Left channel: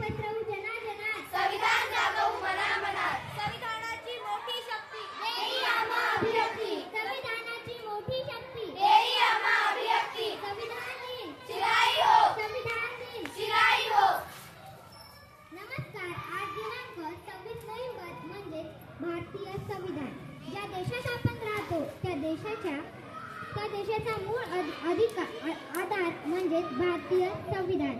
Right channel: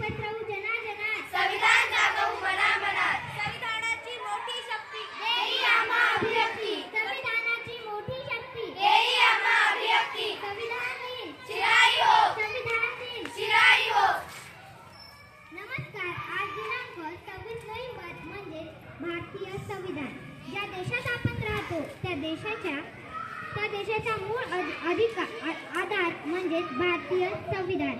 पसरवू जनाजनात, संविधान जागवू मनामनात. संविधानाची मोठी शक्ती देई आम्हा अभिव्यक्ती, संविधानाची मोठी शक्ती देई आम्हा अभिव्यक्ती. संविधान दिन चिराई हो, संविधान दिन चिराई हो. नमस्कार. आज दिनांक 26 नोव्हेंबर म्हणजे भारतीय संविधान. ज्या देशात आपण राहतो त्या देशाचा मूळ आधार म्हणजे भारतीय संविधान.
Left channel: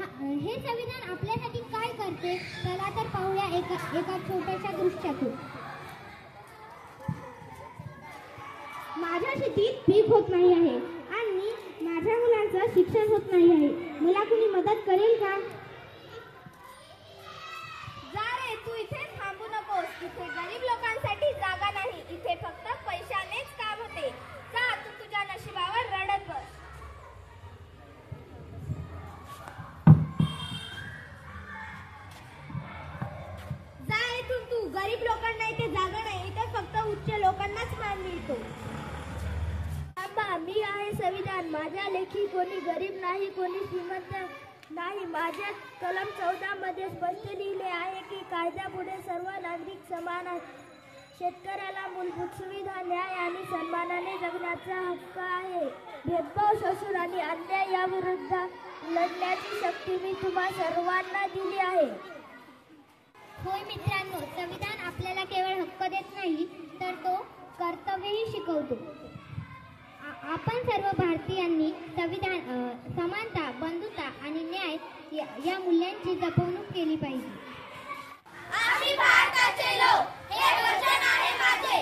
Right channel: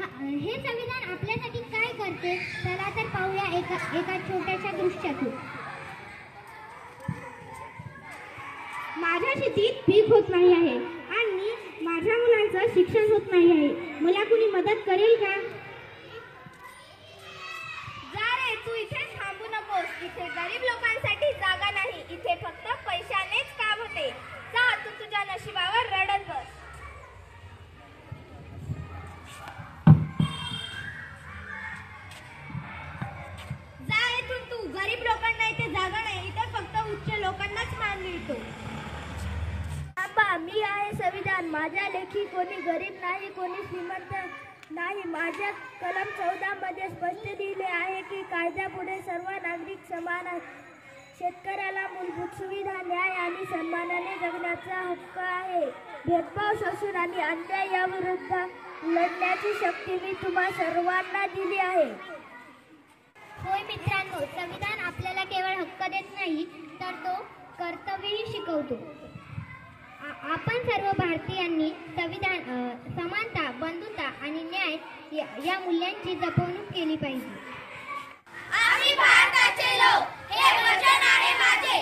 हे संविधान आपल्यासाठी काय करते चला तर पाहूया एका छोट्याशा दृश्यातून. माझ्या शेतीत पीक होत नाही आहे आणि माझ्या मुलांचं शिक्षण होत नाही आहे. मला कुणी मदत करेल का? जा रे, तू इथे थांबू नकोस. इथे गरीब लोकांसाठी जागा नाही. इथे फक्त पैशानेच काम होते. जा, तू तुझ्या नशिबावर रडत बस. जा इथून तू. गरीब लोकांना इथे जागा नाही. इथे फक्त उच्च लोकांनाच मान मिळतो. मी आहे संविधान. माझ्या लेखी कोणी गरीब नाही, कोणी श्रीमंत नाही. माझ्या कलम 14 मध्ये स्पष्ट लिहिले आहे की कायद्यापुढे सर्व नागरिक समान आहेत. शेतकऱ्याला मूलभूत सुविधा, न्याय आणि सन्मानाने जगण्याचा हक्क आहे. भेदभाव, शोषण आणि अन्याय याविरुद्ध लढण्याची शक्ती मी तुम्हा सर्वांना दिली आहे. होय मित्रांनो, संविधान आपल्याला केवळ हक्क देत नाही तर तो कर्तव्यही शिकवतो. आपण सर्व भारतीयांनी समानता, बंधुता आणि न्याय या मूल्यांची जपवणूक केली पाहिजे. आम्ही भारताचे लोक, हे वचन आहे माझे.